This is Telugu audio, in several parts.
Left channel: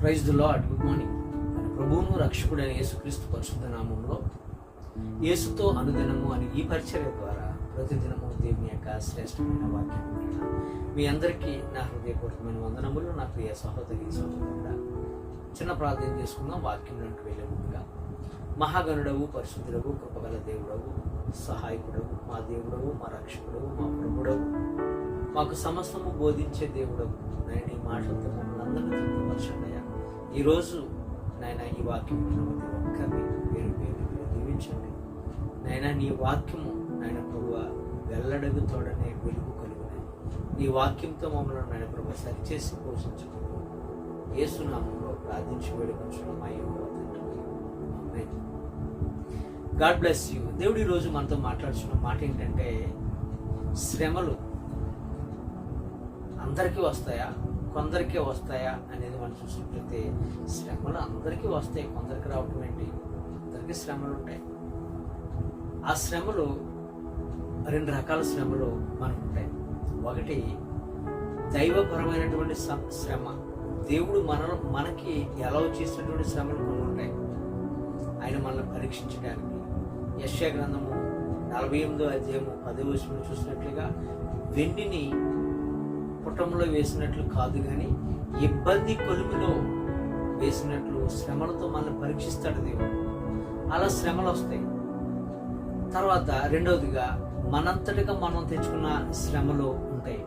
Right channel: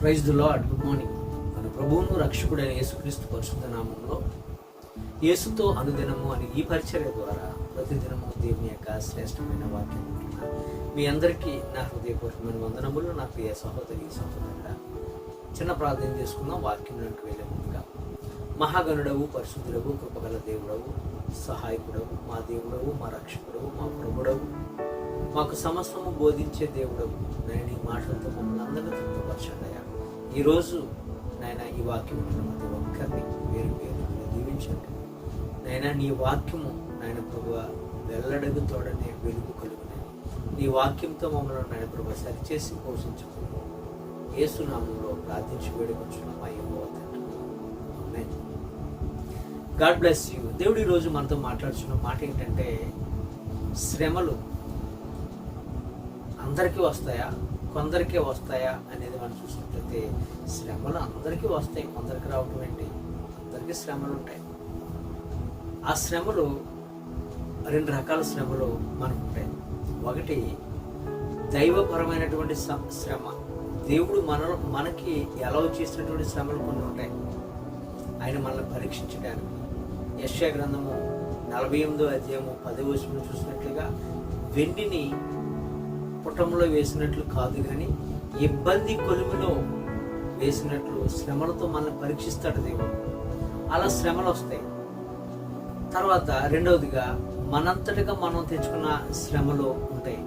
Praise the lord good morning మన ప్రభువును రక్షకుడైన యేసుక్రీస్తు పరిశుద్ధ నామంలో యేసుతో అనుదినము అని ఈ పరిచర్య ద్వారా ప్రతిదినము దేవుని యొక్క శ్రేష్టమైన వాక్యం మీ అందరికీ నా హృదయపూర్వకమైన వందనములు. నా ప్రియ సహోదరి సహోదరుడా చిన్న ప్రార్థన చేసుకుందాం. వాక్యంలోకి వెళ్ళే ముందుగా మహాగణుడవు పరిశుద్ధుడవు కృపగల దేవుడవు సహాయకుడవు మా దేవుడవు మా రక్షకుడవు మా ప్రభుడవు మాకు సమస్తము బోధించే దేవుడవు. నేను ఈ మాటలతో మమ్మల్ని అందరినీ తృప్తిపరచండి అయ్యా. ఈరోజు నాయన ఈ వాక్యం ప్రతి ఒక్కరిని పేరు పేరు మీరు దీవించండి. నాయన నీ వాక్యము నాయన ప్రభు వెల్లడగు తోడనే వెలుగు కలుగునని నీ వాక్యంతో మమ్మల్ని నాయన ప్రభు సరిచేసి పోషించమని ఏసునామంలో ప్రార్థించి వేడుకొంచున్నాం మా యెహోవా తండ్రి. God bless you. దేవుడు ఈరోజు మనతో మాట్లాడుతున్న మాట ఏంటంటే శ్రమలు అందరికీ వస్తాయా? కొందరికే వస్తాయా అనేది మనం చూసినట్లయితే శ్రమలు అందరికీ వస్తాయి. కొందరికి రావటం ఏంటి? అందరికీ శ్రమలు ఉంటాయి. ఆ శ్రమలు రెండు రకాల శ్రమలు మనకు ఉంటాయి. ఒకటి దైవపరమైనటువంటి శ్రమ. దేవుడు మన మనకి ఎలా చేసినటువంటి శ్రమలు కొన్ని ఉంటాయి. ఆయన మనల్ని పరీక్షించడానికి. యశ్యా గ్రంథము నలభై ఎనిమిదో అధ్యాయము పదో చూసినట్లుగా వెండిని పుటంలో వేసినట్లు కాదు కానీ ఇబ్బంది కొలుమిలో వేసినట్లు శ్రమలతో మనల్ని పరీక్షిస్తాడు దేవుడు. అలా శ్రమలు వస్తాయి. తర్వాత రెండవదిగా మనంతటిగా మనం తెచ్చుకున్న శ్రమలు ఉంటాయి.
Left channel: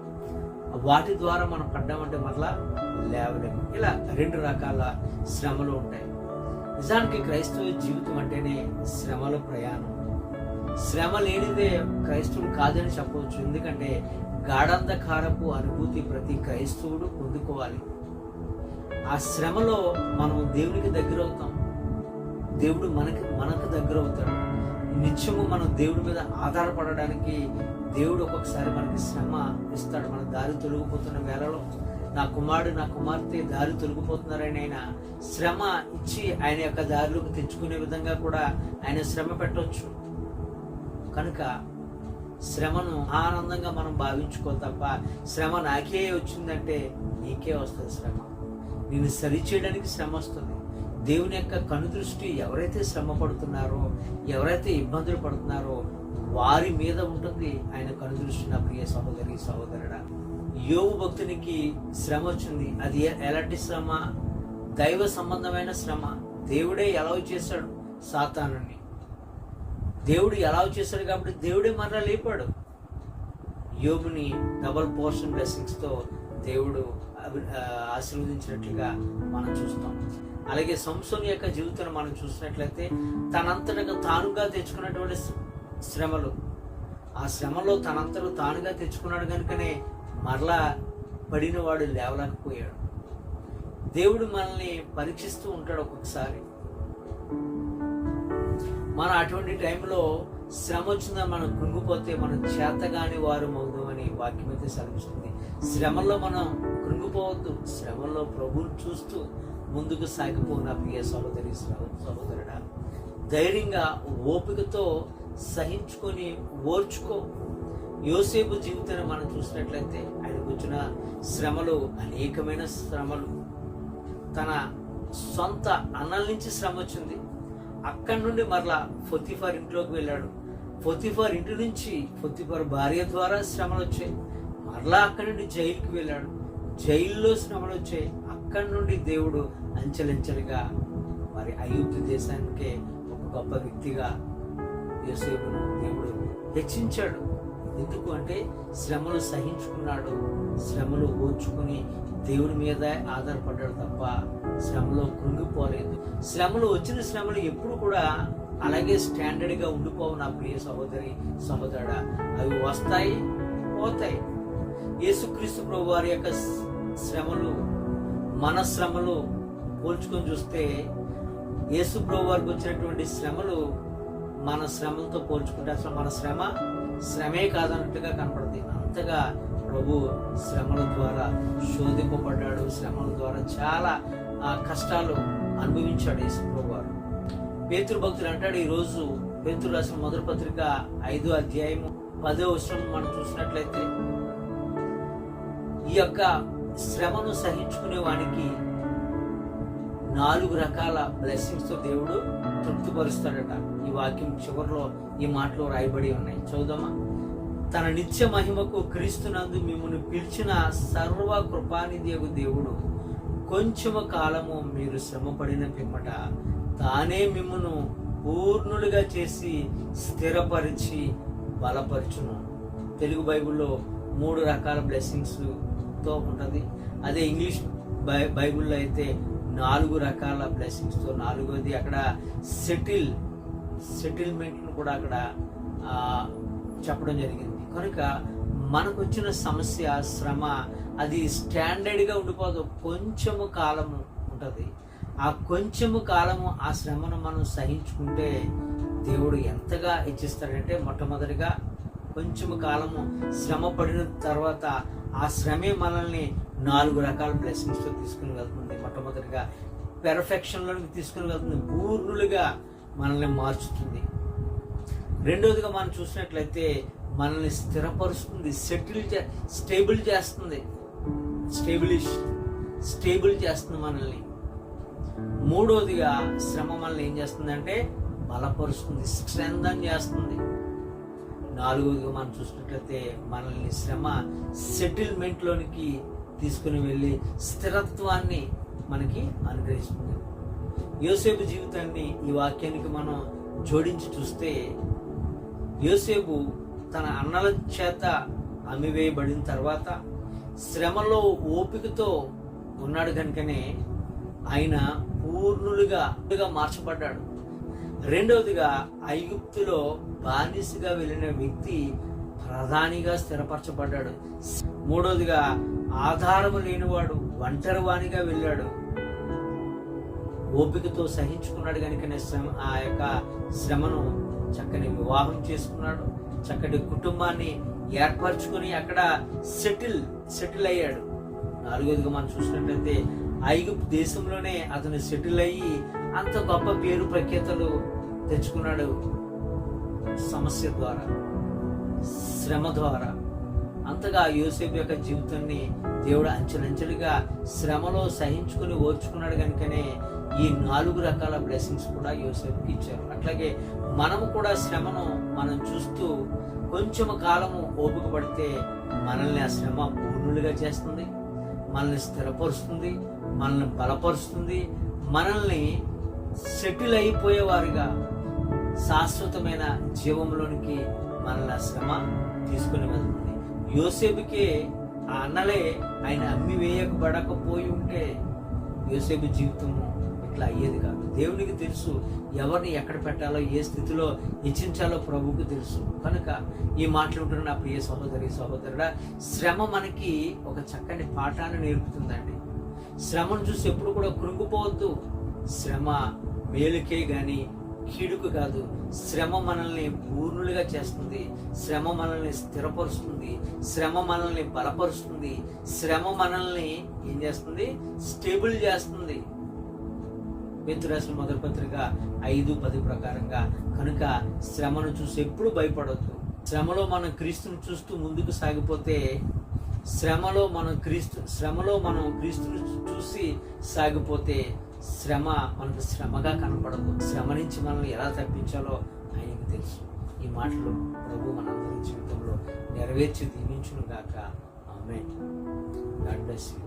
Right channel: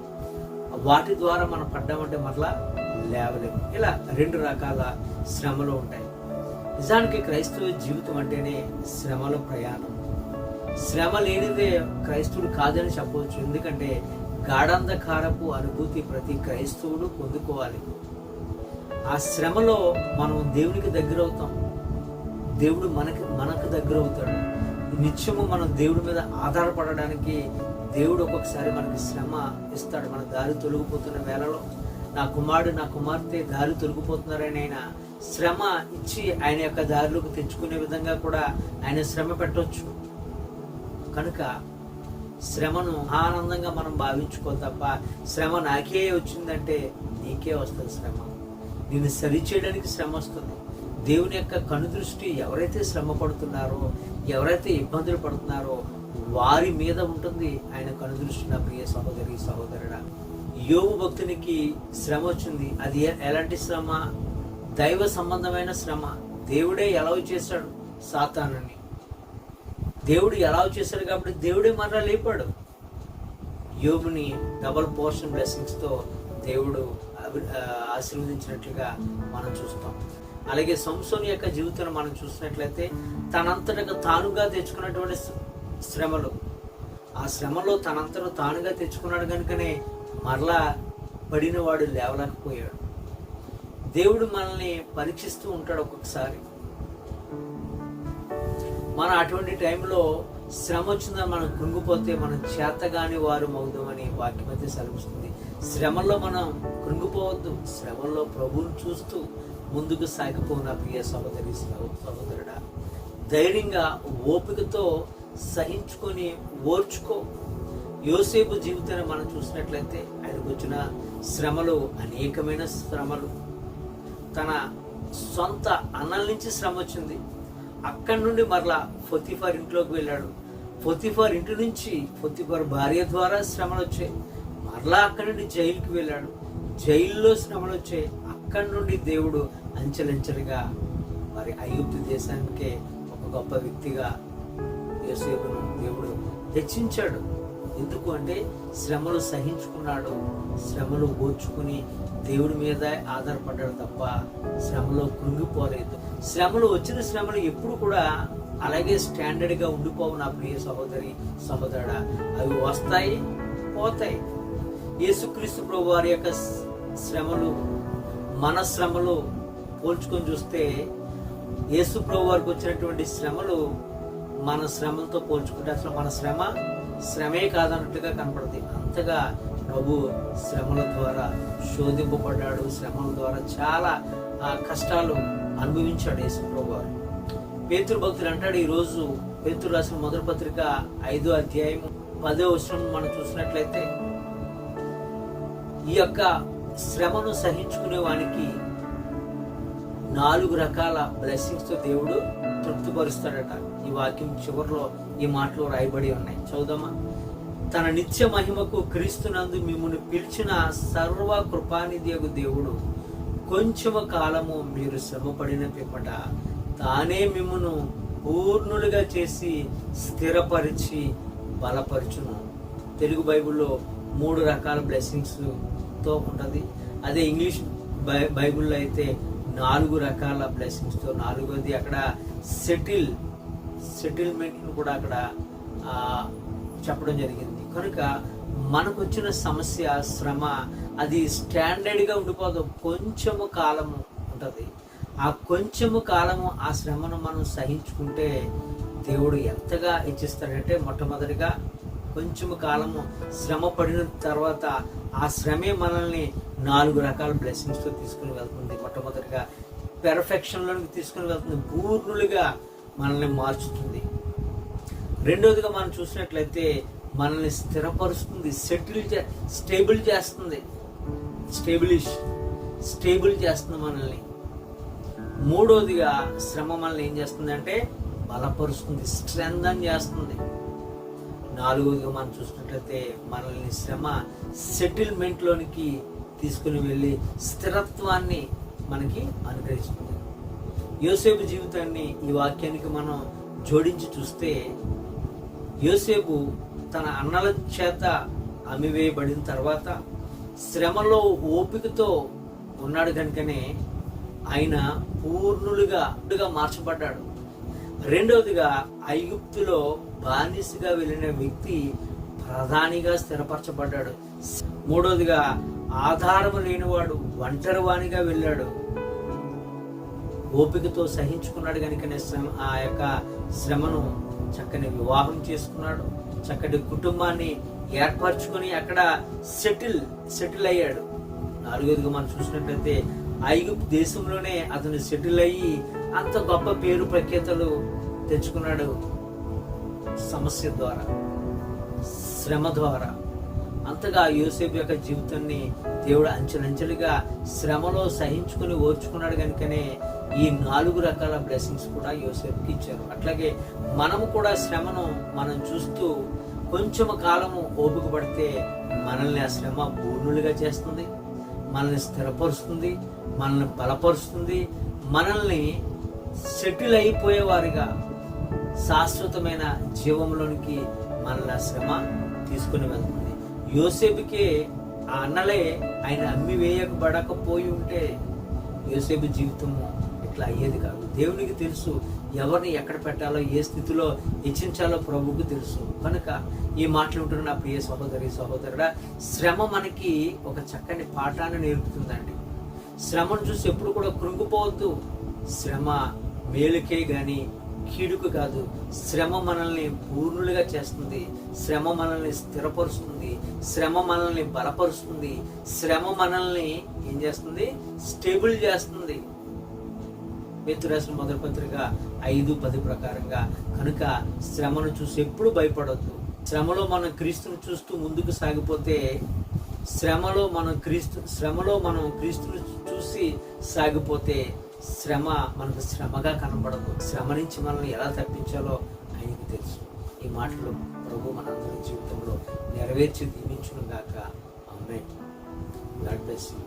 వాటి ద్వారా మనం పడ్డామంటే మరలా లేవలేము. ఇలా రెండు రకాల శ్రమలు ఉంటాయి. నిజానికి క్రైస్తవ జీవితం అంటేనే శ్రమల ప్రయాణం. శ్రమ లేనిదే క్రైస్తవుడు కాదని చెప్పవచ్చు. ఎందుకంటే గాఢంధకారపు అనుభూతి ప్రతి క్రైస్తవుడు పొందుకోవాలి. ఆ శ్రమలో మనం దేవునికి దగ్గర అవుతాం దేవుడు మనకి మనకు దగ్గర అవుతాడు నిత్యము మనం దేవుడి మీద ఆధారపడడానికి దేవుడు ఒక్కొక్కసారి మనకి శ్రమ ఇస్తాడు. మన దారి తొలగిపోతున్న వేళలో నా కుమారుడు నా కుమార్తె దారి తొలగిపోతున్నారని ఆయన శ్రమ ఇచ్చి ఆయన యొక్క దారిలోకి తెచ్చుకునే విధంగా కూడా ఆయన శ్రమ పెట్టవచ్చు కనుక శ్రమను ఆనందంగా మనం భావించుకో తప్ప శ్రమ నాకే వచ్చిందంటే నీకే వస్తుంది శ్రమ. నిన్ను సరిచేయడానికి శ్రమ వస్తుంది. దేవుని యొక్క కనుదృష్టి ఎవరైతే శ్రమ పడుతున్నారో ఎవరైతే ఇబ్బందులు పడుతున్నారో వారి మీద ఉంటుంది ఆయన కనుదృష్టి నా ప్రియ సహోదరి సహోదరుడా. యోగు భక్తునికి శ్రమ వచ్చింది. అది ఎలాంటి శ్రమ? దైవ సంబంధమైన శ్రమ. దేవుడే ఎలా చేశాడు సాతానుని. దేవుడు ఎలా చేశాడు కాబట్టి దేవుడే మరలా లేపాడు. యోగుని డబల్ పోర్షన్ బ్లెస్సింగ్స్తో దేవుడు అభి- ఆశీర్వదించినట్లుగా మనం చూస్తాం. అలాగే సంసోని యొక్క జీవితాన్ని మనం చూసినట్లయితే తనంతటగా తానుగా తెచ్చుకున్నటువంటి శ్రమలు. ఆ శ్రమలో తనంతట తానుగా తెచ్చుకున్నాడు కనుకనే మరలా పడినవాడు లేవలేకపోయాడు. దేవుడు మనల్ని పరీక్షిస్తూ ఉంటాడు ఒక్కొక్కసారి. మనం అటువంటి టైంలో శ్రమ వచ్చిందని మనం కృంగిపోతే మనం చేతగాని వారు అవుదామని వాక్యం అయితే సెలవిస్తుంది. శ్రమల్లో మనం కృంగిపోవద్దు. శ్రమల్లో ప్రభువుని చూస్తూ ముందుకు సాగిపోయిన ప్రియ సహోదరి సహోదరుడా ధైర్యంగా ఓపికతో సహించుకొని ఓర్చుకో. యోసేపు జీవితాన్ని మనం చూసినట్లయితే ఆయనకు వచ్చిన శ్రమలు అనేకమైన శ్రమలు. తన సొంత అన్నల నుంచి శ్రమ వచ్చింది. అక్కడి నుండి మరలా ఫొతిఫర్ ఇంట్లోకి వెళ్ళాడు. ఫొతిఫర్ ఇంటి నుంచి ఫొతిఫర్ భార్య ద్వారా శ్రమలు వచ్చాయి. మరలా అక్కడి నుండి జైలుకి వెళ్ళాడు. జైల్లో శ్రమలు వచ్చాయి. అక్కడి నుండి దేవుడు అంచెలంచెలుగా మరి అయోధ్య దేశానికే ఒక గొప్ప వ్యక్తిగా యోసేపును దేవుడు హెచ్చించాడు. ఎందుకు అంటే శ్రమలు సహించుకున్నాడు. శ్రమలు ఓర్చుకుని దేవుడి మీద ఆధారపడ్డాడు తప్ప శ్రమలో కృంగిపోలేదు. శ్రమలు వచ్చిన శ్రమలు ఎప్పుడు కూడా అలాగే స్టాండర్డ్గా ఉండిపోవు నా ప్రియ సహోదరి సహోదరుడా. అవి వస్తాయి పోతాయి. యేసుక్రీస్తు ప్రభు వారి యొక్క శ్రమలు మన శ్రమలు పోల్చుకొని చూస్తే యేసు ప్రభు వారికి వచ్చినటువంటి శ్రమలు మన శ్రమలతో పోల్చుకుంటే అసలు మన శ్రమ శ్రమే కాదన్నట్లుగా కనపడుతుంది అంతగా ప్రభు శ్రమల ద్వారా శోధింపబడ్డాడు. శ్రమల ద్వారా చాలా ఆ, కష్టాలు అనుభవించాడు యేసు ప్రభు వారు పేతురు భక్తులు అంటాడు ఈరోజు రోజు పేతురు రాసిన మొదటి పత్రిక ఐదో అధ్యాయం పదో వచనం మనం చూసినట్లయితే ఈ యొక్క శ్రమను సహించుకునే వానికి నాలుగు రకాల బ్లెస్సింగ్స్తో దేవుడు తృప్తిపరుస్తాడట. ఈ వాక్యం చివరిలో ఈ మాటలు రాయబడి ఉన్నాయి. చదువుదామా? తన నిత్య మహిమకు క్రీస్తునందు మిమ్మల్ని పిలిచిన సర్వ కృపానిధియగు దేవుడు కొంచెము కాలము మీరు శ్రమపడిన పిమ్మట తానే మిమ్మను పూర్ణులుగా చేసి స్థిరపరిచి బలపరచును. తెలుగు బైబిల్లో మూడు రకాల బ్లెస్సింగ్స్తో ఉంటుంది. అదే ఇంగ్లీష్ బై బైబిల్లో అయితే నాలుగు రకాల బ్లెస్సింగ్స్తో నాలుగోది అక్కడ సెటిల్ సెటిల్మెంట్ను కూడా అక్కడ చెప్పడం జరిగింది. కనుక మనకు వచ్చిన సమస్య శ్రమ అది స్టాండర్డ్గా ఉండిపోదు. కొంచెము కాలము ఉంటుంది. ఆ కొంచెము కాలము ఆ శ్రమను మనం సహించుకుంటే దేవుడు ఎంతగా ఇచ్చిస్తాడంటే మొట్టమొదటిగా కొంచెము కాలము శ్రమ పడిన తర్వాత ఆ శ్రమే మనల్ని నాలుగు రకాల బ్లెస్సింగ్స్తో తీసుకుని వెళ్తుంది. మొట్టమొదటిగా పెర్ఫెక్షన్లోకి తీసుకుని వెళ్తుంది. పూర్ణులుగా మనల్ని మార్చుతుంది. రెండోదిగా మనం చూసినట్లయితే మనల్ని స్థిరపరుస్తుంది సెటిల్ చే స్టేబుల్ చేస్తుంది. స్టేబులిష్ స్టేబుల్ చేస్తుంది మనల్ని. మూడోదిగా శ్రమ మనల్ని ఏం చేస్తుందంటే బలపరుస్తుంది స్ట్రెంగ్ చేస్తుంది. నాలుగోదిగా మనం చూసినట్లయితే మనల్ని శ్రమ సెటిల్మెంట్లోనికి తీసుకుని వెళ్ళి స్థిరత్వాన్ని మనకి అనుగ్రహిస్తుంది. యోసేపు జీవితాన్ని ఈ వాక్యానికి మనం జోడించి చూస్తే యోసేపు తన అన్నల చేత అమ్మివేయబడిన తర్వాత శ్రమలో ఓపికతో ఉన్నాడు కనుకనే ఆయన పూర్ణులుగా మార్చబడ్డాడు. రెండవదిగా ఐగుప్తులో బానిసగా వెళ్ళిన వ్యక్తి ప్రధానిగా స్థిరపరచబడ్డాడు. మూడవదిగా ఆధారము లేనివాడు ఒంటరివాణిగా వెళ్ళాడు. ఓపికతో సహించుకున్నాడు కనుకనే శ్రమ ఆ యొక్క శ్రమను చక్కని వివాహం చేసుకున్నాడు. చక్కటి కుటుంబాన్ని ఏర్పరచుకొని అక్కడ సెటిల్ సెటిల్ అయ్యాడు. నాలుగోదిగా మనం చూసినట్లయితే ఐగుప్తు దేశంలోనే అతను సెటిల్ అయ్యి అంత గొప్ప పేరు ప్రఖ్యాతలు తెచ్చుకున్నాడు సమస్య ద్వారా శ్రమ ద్వారా. అంతగా యూసేఫ్ యొక్క జీవితాన్ని దేవుడు అంచెలంచెలుగా శ్రమలో సహించుకుని ఓర్చుకున్నాడు కనుకనే ఈ నాలుగు రకాల బ్లెస్సింగ్స్ కూడా యోసేపుకి ఇచ్చారు. అట్లాగే మనము కూడా శ్రమను మనం చూస్తూ కొంచెం కాలము ఓపిక పడితే మనల్ని ఆ శ్రమ పూర్ణులుగా చేస్తుంది మనల్ని స్థిరపరుస్తుంది మనల్ని బలపరుస్తుంది మనల్ని సెటిల్ అయిపోయేవారిగా శాశ్వతమైన జీవంలోనికి మనల్ని ఆ శ్రమ తీసుకుని వెళ్తుంది. యోసేపుకి ఆ అన్నలే ఆయన అమ్మి వేయకబడకపోయి ఉంటే యోసేపు జీవితము ఇట్లా అయ్యేది కాదు. దేవునికి తెలుసు ఎవరిని ఎక్కడ పెట్టాలో ఏ స్థితిలో హెచ్చించాలో ప్రభువుకు తెలుసు. కనుక ఈ మాటలు ఉంటున్న నా ప్రియ సహోదరి సహోదరుడా శ్రమ మనకి ఒక చక్కని పాఠాన్ని నేర్పుతుందండి. శ్రమను చూసి ఎప్పుడు కూడా కృంగిపోవద్దు. శ్రమ మేలుకే కానీ కీడుకు కాదు. శ్రమ మనల్ని పూర్ణులుగా చేస్తుంది. శ్రమ మనల్ని స్థిరపరుస్తుంది. శ్రమ మనల్ని బలపరుస్తుంది. శ్రమ మనల్ని ఏం చేస్తుంది? స్టేబుల్ చేస్తుంది. రాసిన మొదటి పత్రిక ఐదు పది ప్రకారంగా. కనుక శ్రమను చూసి ఎప్పుడు భయపడవద్దు శ్రమలో మనం క్రీస్తుని చూస్తూ ముందుకు సాగిపోతే శ్రమలో మనం క్రీస్తు శ్రమలో మనం క్రీస్తును చూసి సాగిపోతే శ్రమ మనకు శ్రమగా కనపడదు శ్రమ నుంచి మనల్ని ఎలా తప్పించాలో ఆయనకు తెలుసు. ఈ మాటలు ప్రభు మనందరి జీవితంలో నెరవేర్చి దీవించును గాక అమ్మే గాడ్ బ్లెస్ యూ.